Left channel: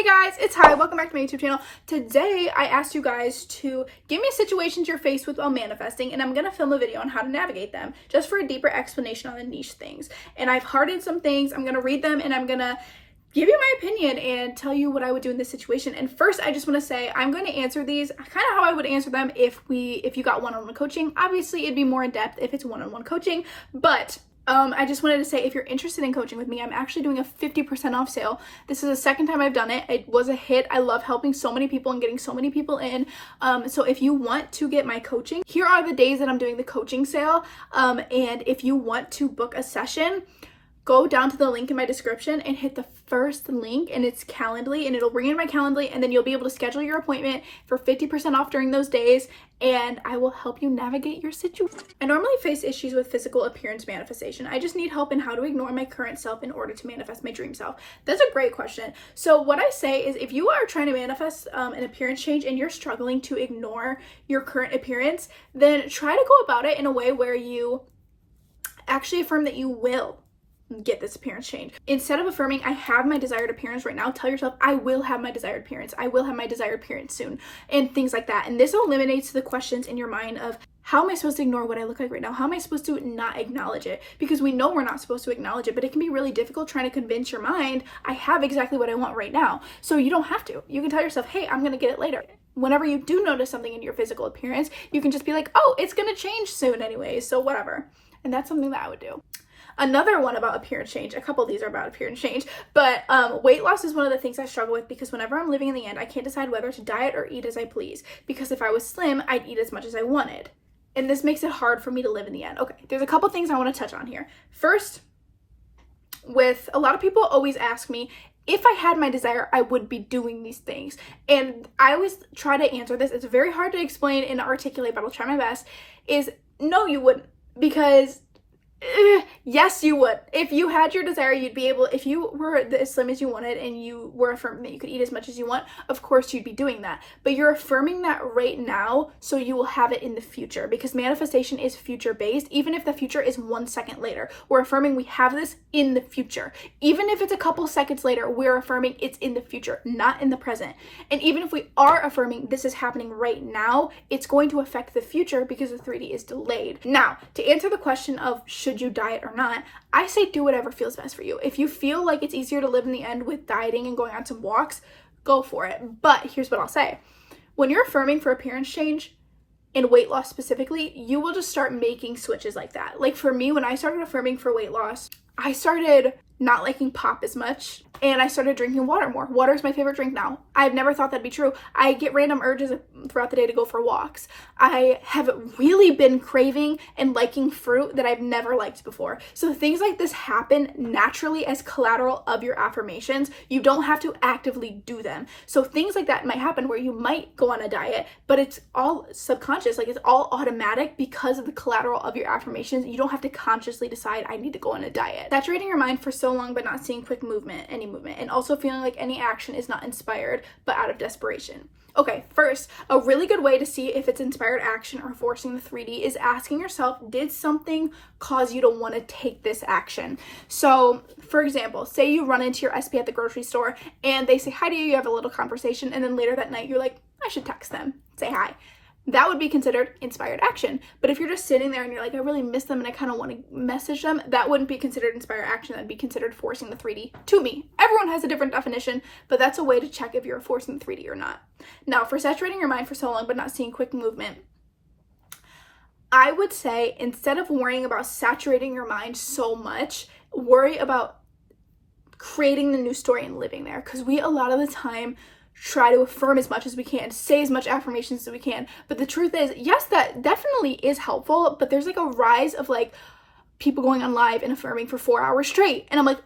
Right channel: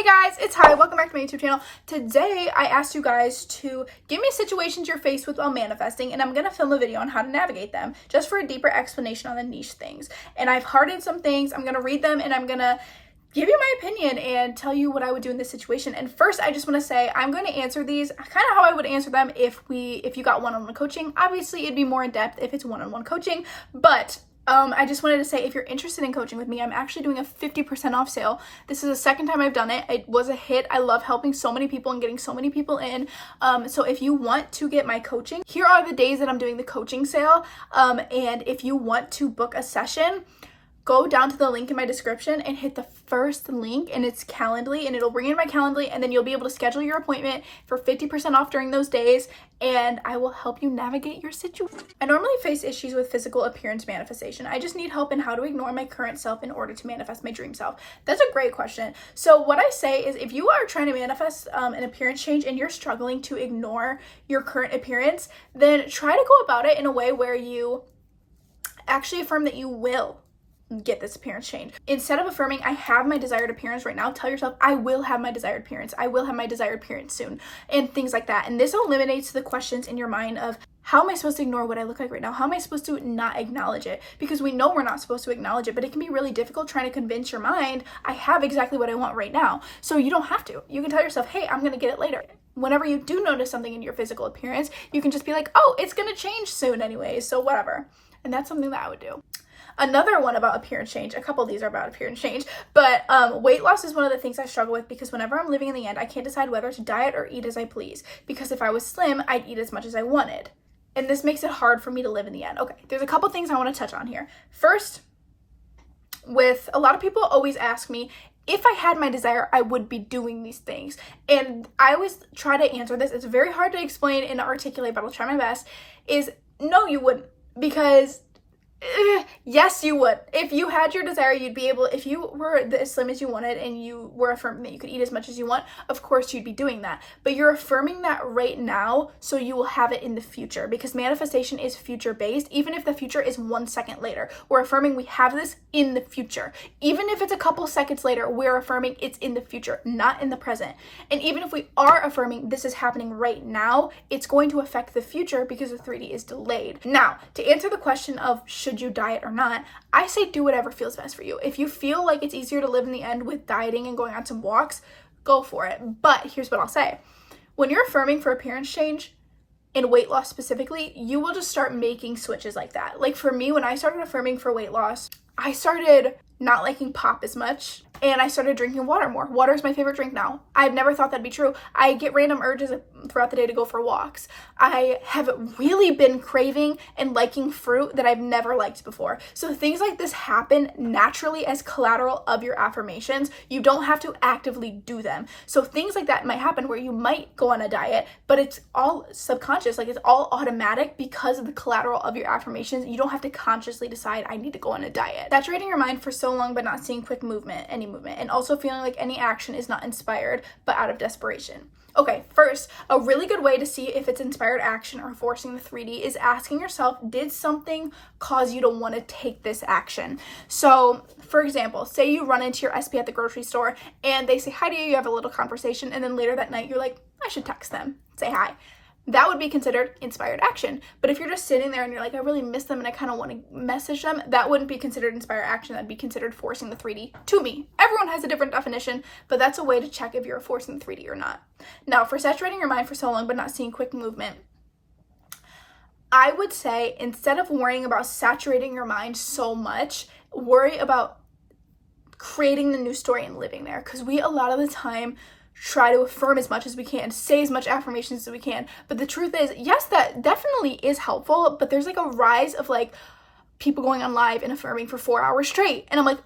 Hey guys, it's Hi. Welcome back to my YouTube channel. Today, I asked you guys to give me situations you're faced with while manifesting, and I'm going to film a video on how to navigate them, just for a deeper explanation on the niche things. And I've hearted some things. I'm going to read them, and I'm going to give you my opinion and tell you what I would do in this situation. And first, I just want to say I'm going to answer these kind of how I would answer them if you got one-on-one coaching. Obviously, it'd be more in depth if it's one-on-one coaching, but I just wanted to say, if you're interested in coaching with me, I'm actually doing a 50% off sale. This is the second time I've done it. It was a hit. I love helping so many people and getting so many people in. So if you want to get my coaching, here are the days that I'm doing the coaching sale. And if you want to book a session, go down to the link in my description and hit the first link, and it's Calendly, and it'll bring in my Calendly, and then you'll be able to schedule your appointment for 50% off during those days, and I will help you navigate your situation. I normally face issues with physical appearance manifestation. I just need help in how to ignore my current self in order to manifest my dream self. That's a great question. So what I say is, if you are trying to manifest an appearance change and you're struggling to ignore your current appearance, then try to go about it in a way where you actually affirm that you will get this appearance change. Instead of affirming, I have my desired appearance right now, tell yourself, I will have my desired appearance. I will have my desired appearance soon, and things like that. And this eliminates the questions in your mind of, how am I supposed to ignore what I look like right now? How am I supposed to not acknowledge it? Because we know we're not supposed to acknowledge it, but it can be really difficult trying to convince your mind, I have exactly what I want right now. So you don't have to. You can tell yourself, hey, I'm going to get it later. Whenever you do notice something in your physical appearance, you can just be like, oh, it's going to change soon anyways, so whatever. And that's something that I would do. Another one about appearance change, a couple of these are about appearance change, but weight loss is one of the things I struggle with, because whenever I'm living in the end, I can't decide whether to diet or eat as I please, because if I was slim, I'd eat as much as I wanted. And this makes it hard for me to live in the end. Okay, there's a couple things I want to touch on here. First, with a lot of people always ask me, if I had my desire, I would be doing these things. And I always try to answer this. It's very hard to explain and articulate, but I'll try my best, is no, you wouldn't, because yes, you would. If you had your desire, you'd be able, if you were as slim as you wanted and you were affirming that you could eat as much as you want, of course you'd be doing that. But you're affirming that right now, so you will have it in the future, because manifestation is future based. Even if the future is 1 second later, we're affirming we have this in the future. Even if it's a couple seconds later, we're affirming it's in the future, not in the present. And even if we are affirming this is happening right now, it's going to affect the future because the 3D is delayed. Now, to answer the question of should you diet or not, I say do whatever feels best for you. If you feel like it's easier to live in the end with dieting and going on some walks, go for it. But here's what I'll say. When you're affirming for appearance change, and weight loss specifically, you will just start making switches like that. Like for me, when I started affirming for weight loss, I started not liking pop as much, and I started drinking water more. Water is my favorite drink now. I've never thought that'd be true. I get random urges throughout the day to go for walks. I have really been craving and liking fruit that I've never liked before. So things like this happen naturally as collateral of your affirmations. You don't have to actively do them. So things like that might happen where you might go on a diet, but it's all subconscious, like it's all automatic because of the collateral of your affirmations. You don't have to consciously decide, I need to go on a diet. Saturating your mind for so long but not seeing quick movement, any movement, and also feeling like any action is not inspired but out of desperation. Okay, first, a really good way to see if it's inspired action or forcing the 3D is asking yourself, did something cause you to want to take this action? So, for example, say you run into your SP at the grocery store and they say hi to you, you have a little conversation, and then later that night you're like, I should text them, say hi. That would be considered inspired action. But if you're just sitting there and you're like, I really miss them and I kind of want to message them, that wouldn't be considered inspired action. That'd be considered forcing the 3D to me. Everyone has a different definition, but that's a way to check if you're forcing the 3D or not. Now, for saturating your mind for so long but not seeing quick movement, I would say, instead of worrying about saturating your mind so much, worry about creating the new story and living there. Because we, a lot of the time, try to affirm as much as we can, say as much affirmations as we can. But the truth is, yes, that definitely is helpful, but there's like a rise of like people going on live and affirming for 4 hours straight. And I'm like,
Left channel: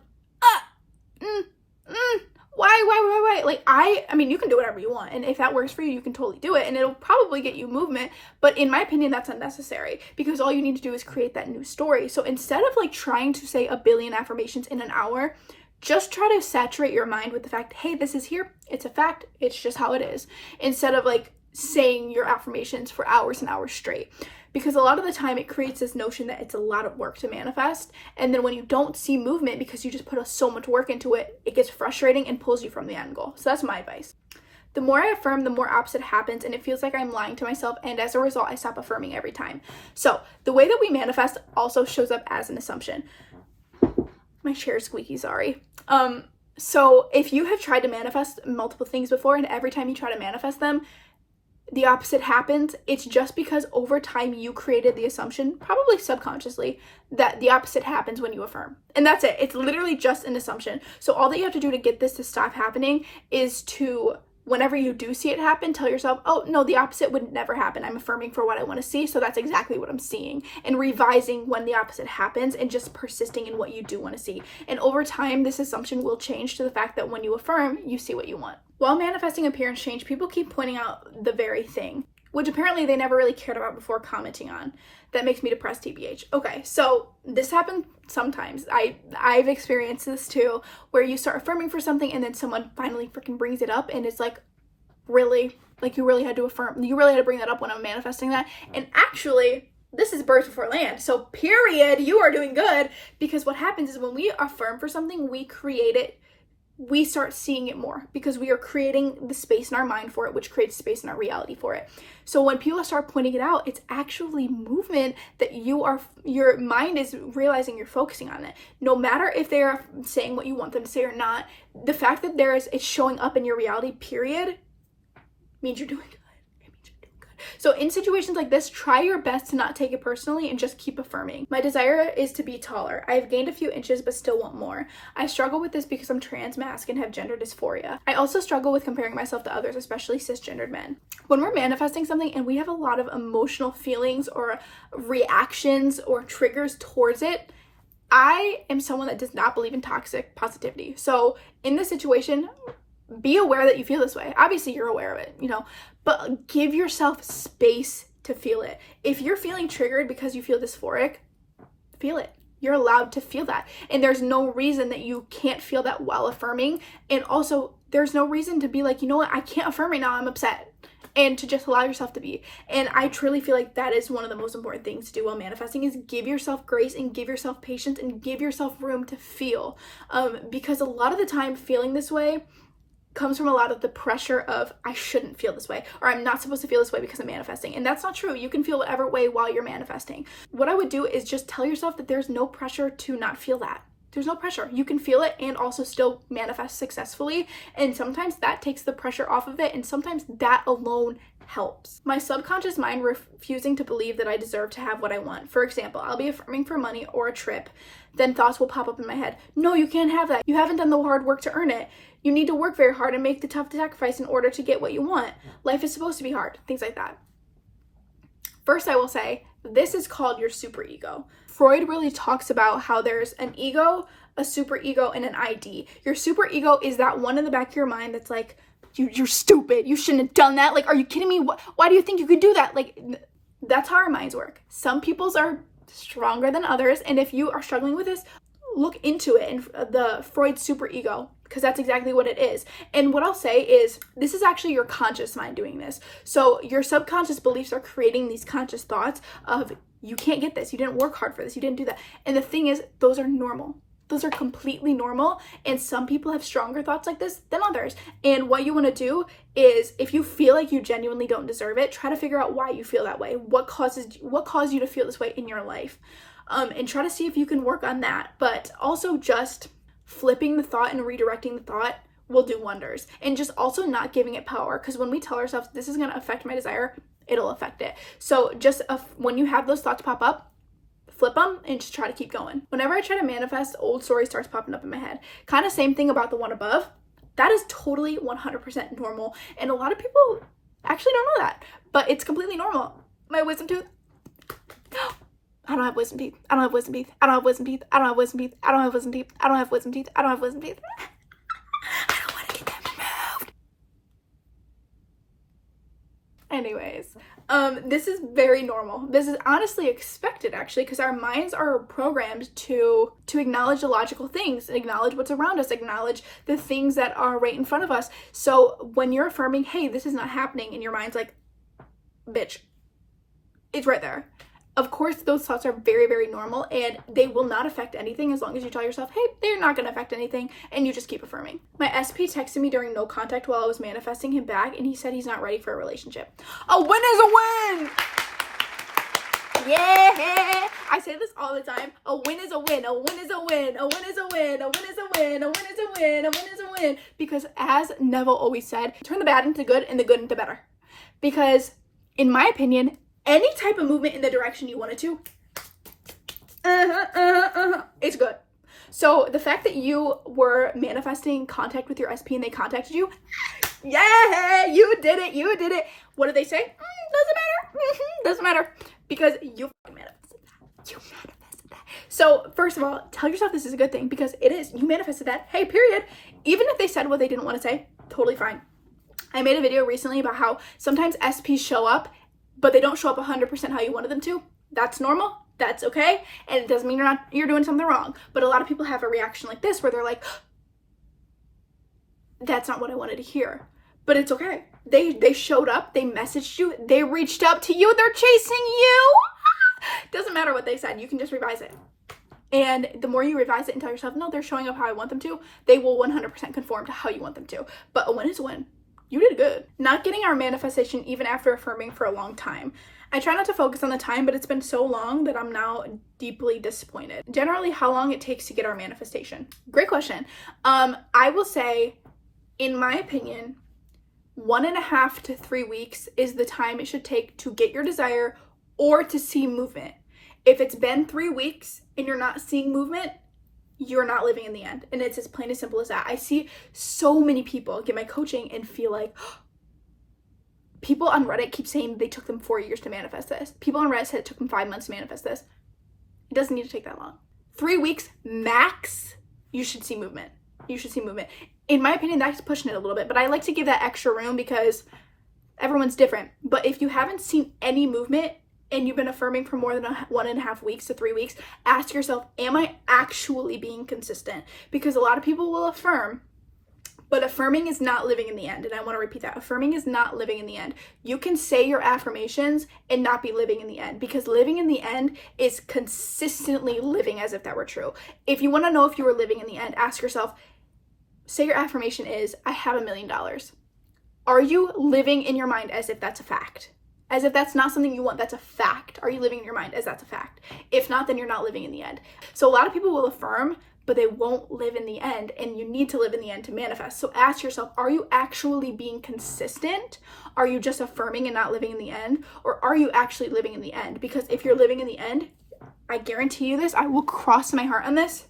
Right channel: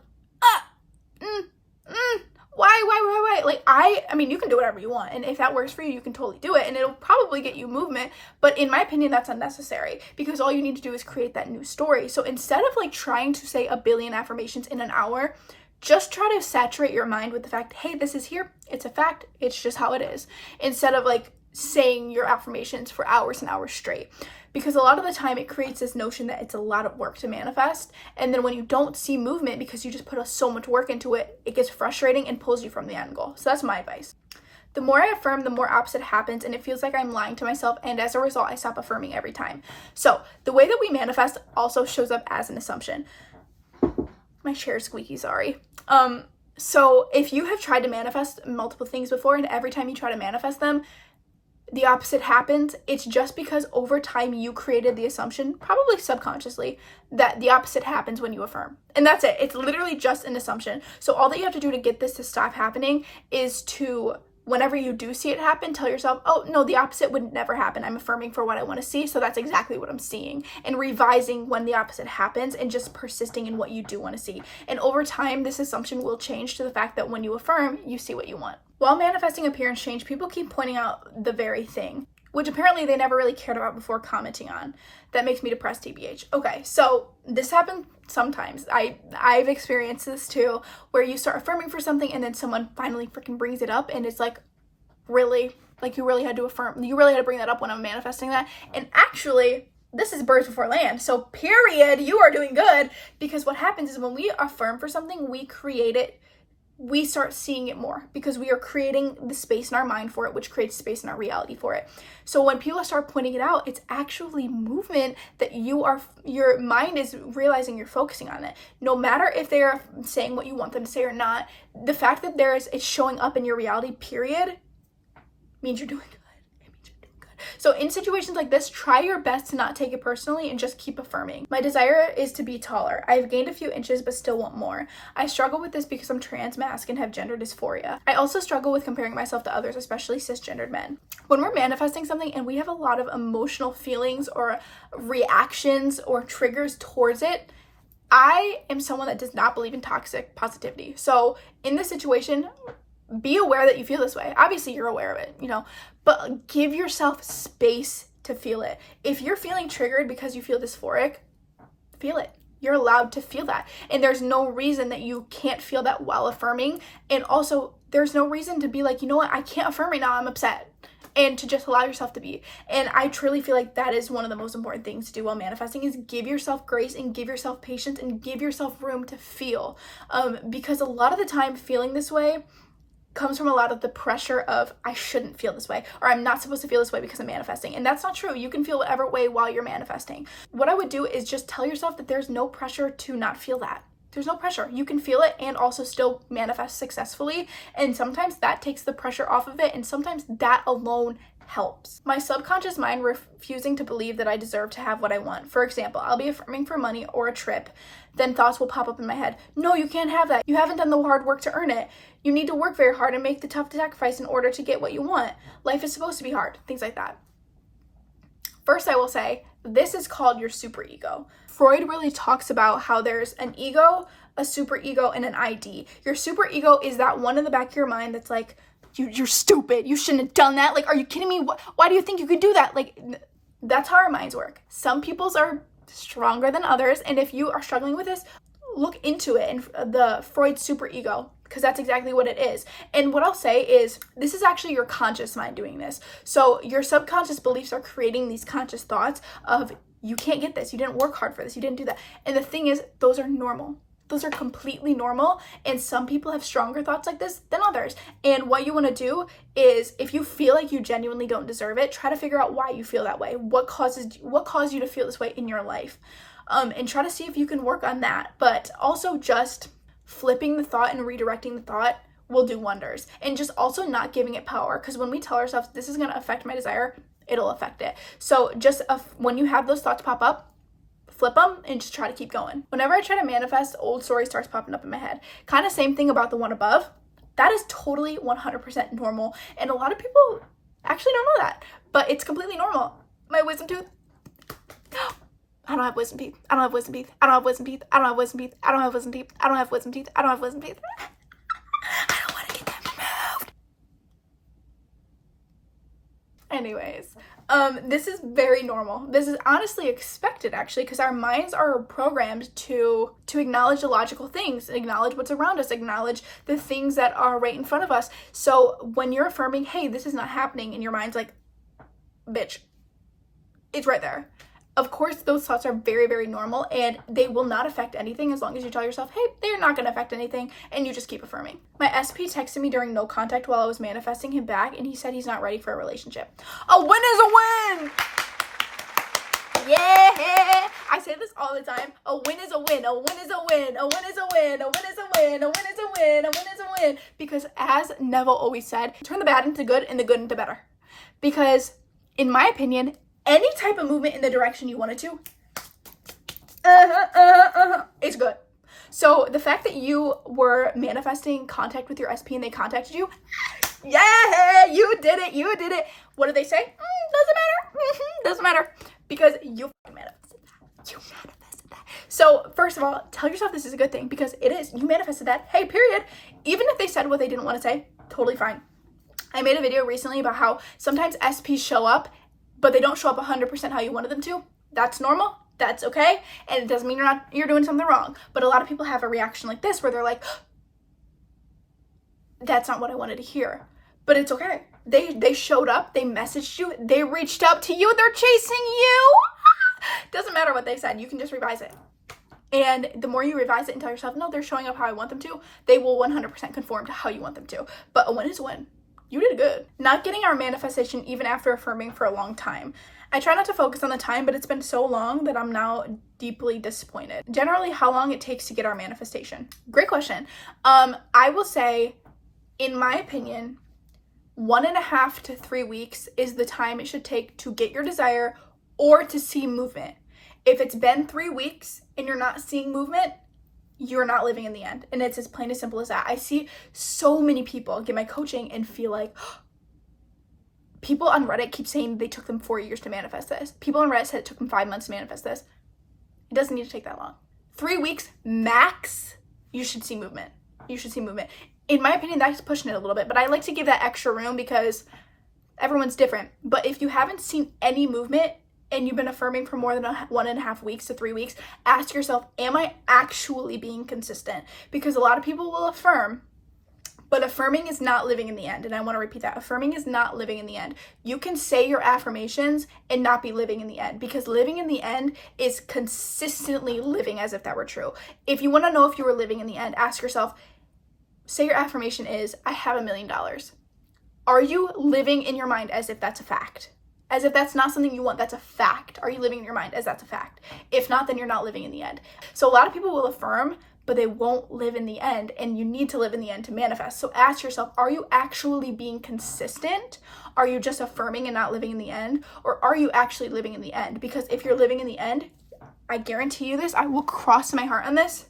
why? Like, I mean, you can do whatever you want. And if that works for you, you can totally do it. And it'll probably get you movement. But in my opinion, that's unnecessary, because all you need to do is create that new story. So instead of like trying to say a billion affirmations in an hour, just try to saturate your mind with the fact, hey, this is here. It's a fact. It's just how it is. Instead of like saying your affirmations for hours and hours straight. Because a lot of the time it creates this notion that it's a lot of work to manifest. And then when you don't see movement because you just put so much work into it, it gets frustrating and pulls you from the end goal. So that's my advice. The more I affirm, the more opposite happens, and it feels like I'm lying to myself, and as a result, I stop affirming every time. So the way that we manifest also shows up as an assumption. My chair is squeaky, sorry. So if you have tried to manifest multiple things before, and every time you try to manifest them, the opposite happens, it's just because over time you created the assumption, probably subconsciously, that the opposite happens when you affirm. And that's it. It's literally just an assumption. So all that you have to do to get this to stop happening is to, whenever you do see it happen, tell yourself, oh no, the opposite would never happen. I'm affirming for what I want to see, so that's exactly what I'm seeing. And revising when the opposite happens and just persisting in what you do want to see. And over time, this assumption will change to the fact that when you affirm, you see what you want. While manifesting appearance change, people keep pointing out the very thing, which apparently they never really cared about before commenting on. That makes me depressed, TBH. Okay, so this happens sometimes. I've experienced this too, where you start affirming for something and then someone finally freaking brings it up, and it's like, really? Like, you really had to affirm, you really had to bring that up when I'm manifesting that? And actually, this is birds before land. So period, you are doing good, because what happens is when we affirm for something, we create it, we start seeing it more because we are creating the space in our mind for it, which creates space in our reality for it. So when people start pointing it out, it's actually movement that your mind is realizing you're focusing on it. No matter if they're saying what you want them to say or not, the fact that it's showing up in your reality, period, means you're doing good. So in situations like this, try your best to not take it personally and just keep affirming. My desire is to be taller. I have gained a few inches but still want more. I struggle with this because I'm trans, masc, and have gender dysphoria. I also struggle with comparing myself to others, especially cisgendered men. When we're manifesting something and we have a lot of emotional feelings or reactions or triggers towards it, I am someone that does not believe in toxic positivity. So in this situation, be aware that you feel this way. Obviously, you're aware of it, but give yourself space to feel it. If you're feeling triggered because you feel dysphoric, feel it. You're allowed to feel that. And there's no reason that you can't feel that while affirming. And also, there's no reason to be like, you know what, I can't affirm right now, I'm upset. And to just allow yourself to be. And I truly feel like that is one of the most important things to do while manifesting, is give yourself grace and give yourself patience and give yourself room to feel. Because a lot of the time, feeling this way comes from a lot of the pressure of, I shouldn't feel this way, or I'm not supposed to feel this way because I'm manifesting. And that's not true. You can feel whatever way while you're manifesting. What I would do is just tell yourself that there's no pressure to not feel that. There's no pressure. You can feel it and also still manifest successfully. And sometimes that takes the pressure off of it. And sometimes that alone helps. My subconscious mind refusing to believe that I deserve to have what I want. For example, I'll be affirming for money or a trip. Then thoughts will pop up in my head. No, you can't have that. You haven't done the hard work to earn it. You need to work very hard and make the tough sacrifice in order to get what you want. Life is supposed to be hard. Things like that. First, I will say, this is called your superego. Freud really talks about how there's an ego, a superego, and an ID. Your superego is that one in the back of your mind that's like, you're stupid. You shouldn't have done that. Like, are you kidding me? Why do you think you could do that? Like, that's how our minds work. Some people's are stronger than others. And if you are struggling with this, look into it and the Freud superego, because that's exactly what it is. And what I'll say is, this is actually your conscious mind doing this. So your subconscious beliefs are creating these conscious thoughts of, you can't get this. You didn't work hard for this. You didn't do that. And the thing is, those are normal. Those are completely normal, and some people have stronger thoughts like this than others. And what you want to do is, if you feel like you genuinely don't deserve it, try to figure out why you feel that way. What caused you to feel this way in your life? And try to see if you can work on that. But also, just flipping the thought and redirecting the thought will do wonders. And just also not giving it power, because when we tell ourselves this is going to affect my desire, it'll affect it. So just when you have those thoughts pop up, flip them and just try to keep going. Whenever I try to manifest, old story starts popping up in my head. Kind of same thing about the one above. That is totally 100% normal. And a lot of people actually don't know that, but it's completely normal. My wisdom tooth. I don't have wisdom teeth. I don't have wisdom teeth. I don't have wisdom teeth. I don't have wisdom teeth. I don't have wisdom teeth. I don't have wisdom teeth. I don't have wisdom teeth. I don't want to get them removed. Anyways, this is very normal. This is honestly expected, actually, because our minds are programmed to acknowledge the logical things, acknowledge what's around us, acknowledge the things that are right in front of us. So when you're affirming, hey, this is not happening, and your mind's like, bitch, it's right there. Of course, those thoughts are very, very normal, and they will not affect anything as long as you tell yourself, hey, they're not going to affect anything, and you just keep affirming. My SP texted me during no contact while I was manifesting him back, and he said he's not ready for a relationship. A win is a win! Yeah! I say this all the time. A win is a win. A win is a win. A win is a win. A win is a win. A win is a win. A win is a win. Because as Neville always said, turn the bad into good and the good into better. Because, in my opinion, any type of movement in the direction you want it to, it's good. So the fact that you were manifesting contact with your SP and they contacted you, yeah, you did it. You did it. What did they say? Doesn't matter. Doesn't matter. Because you manifested that. You manifested that. So first of all, tell yourself this is a good thing because it is. You manifested that. Hey, period. Even if they said what they didn't want to say, totally fine. I made a video recently about how sometimes SPs show up, but they don't show up 100% how you wanted them to. That's normal. That's okay. And it doesn't mean you're doing something wrong. But a lot of people have a reaction like this where they're like, that's not what I wanted to hear. But it's okay. They showed up, they messaged you, they reached out to you, they're chasing you. Doesn't matter what they said, you can just revise it. And the more you revise it and tell yourself, no, they're showing up how I want them to, they will 100% conform to how you want them to. But a win is a win. You did good. Not getting our manifestation even after affirming for a long time. I try not to focus on the time, but it's been so long that I'm now deeply disappointed. Generally, how long it takes to get our manifestation? Great question. I will say, in my opinion, 1.5 to 3 weeks is the time it should take to get your desire or to see movement. If it's been 3 weeks and you're not seeing movement, you're not living in the end. And it's as plain as simple as that. I see so many people get my coaching and feel like, people on Reddit keep saying they took them 4 years to manifest this. People on Reddit said it took them 5 months to manifest this. It doesn't need to take that long. 3 weeks max, you should see movement. You should see movement. In my opinion, that's pushing it a little bit, but I like to give that extra room because everyone's different. But if you haven't seen any movement and you've been affirming for more than 1.5 weeks to 3 weeks, ask yourself, am I actually being consistent? Because a lot of people will affirm, but affirming is not living in the end. And I want to repeat that. Affirming is not living in the end. You can say your affirmations and not be living in the end, because living in the end is consistently living as if that were true. If you want to know if you were living in the end, ask yourself, say your affirmation is, I have $1 million. Are you living in your mind as if that's a fact? As if that's not something you want, that's a fact. Are you living in your mind as that's a fact? If not, then you're not living in the end. So a lot of people will affirm, but they won't live in the end, and you need to live in the end to manifest. So ask yourself, are you actually being consistent? Are you just affirming and not living in the end? Or are you actually living in the end? Because if you're living in the end, I guarantee you this, I will cross my heart on this,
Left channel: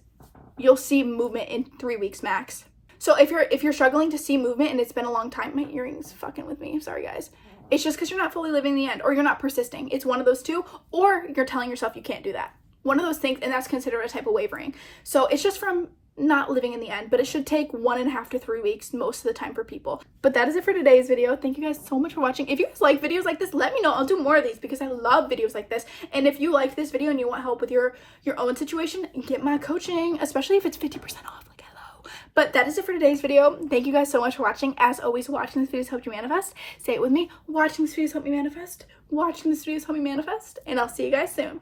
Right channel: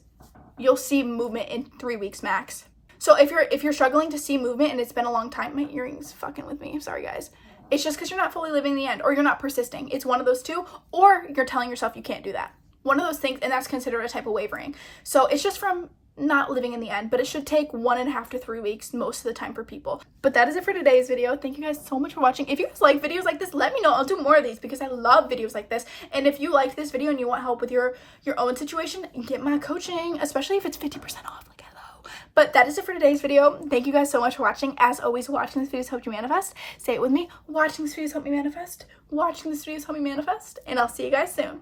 you'll see movement in 3 weeks max. So if you're struggling to see movement and it's been a long time, my earring's fucking with me. Sorry, guys. It's just because you're not fully living the end, or you're not persisting. It's one of those two, or you're telling yourself you can't do that. One of those things, and that's considered a type of wavering. So it's just from not living in the end, but it should take 1.5 to 3 weeks most of the time for people. But that is it for today's video. Thank you guys so much for watching. If you guys like videos like this, let me know. I'll do more of these because I love videos like this. And if you like this video and you want help with your own situation, get my coaching, especially if it's 50% off. Like, hello. But that is it for today's video. Thank you guys so much for watching. As always, watching this videos help you manifest. Say it with me. Watching this videos help me manifest. Watching this videos help me manifest. And I'll see you guys soon.